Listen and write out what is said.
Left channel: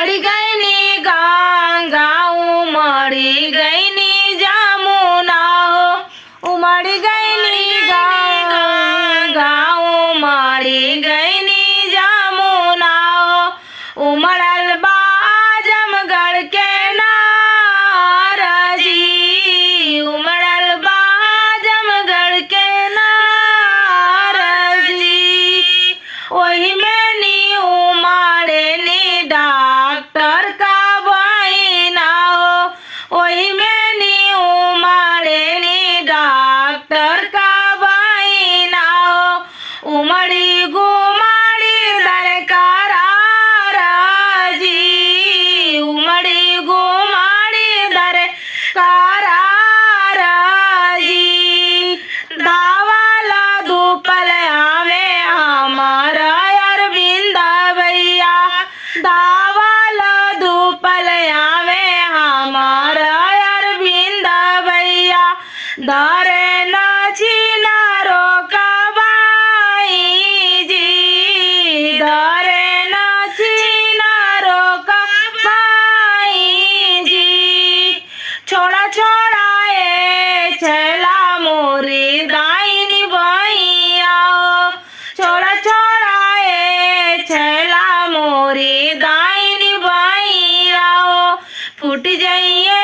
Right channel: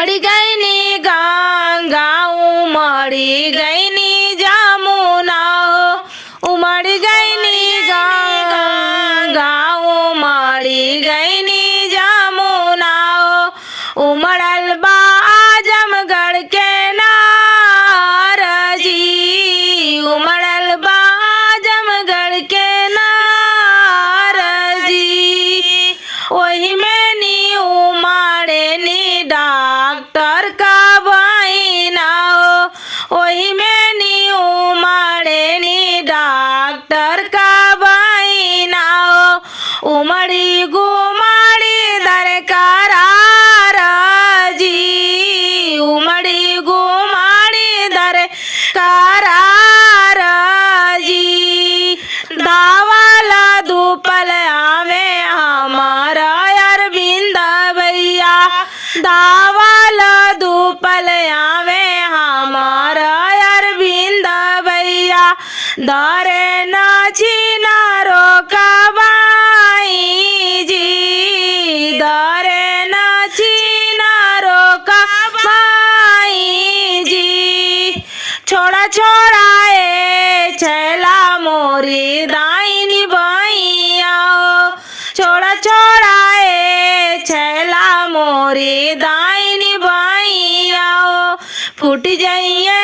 उमड़ गईनी गंगा उमड़ गईनी जमुना हो, उमड़ गईनी गंगा उमड़ गईनी जमुना हो, उमड़ल बा आजमगढ़ के नार जी, उमड़ल बा आजमगढ़ के नार जी। वही में नी उमड़े नी डॉक्टर का बहिना हो, वही में नी उमड़े नी डॉक्टर का बहिना हो, उमड़ी गुमड़ी दरकारार जी, उमड़ी गुमड़ी दरकारार जी। दावाला धूपल आवे हमारा अरविंद भैया, दावाला धूपल आवे हमारा अरविंद भैया, दारे नाची नारो कबाई जी, दारे नाची नारो कबाई जी। छोड़ा छोड़ा ए छैला मोरी दाहिनी भैया हो, छोड़ा छोड़ा ए छैला मोरी दाहिनी भैया हो, फूट जाइए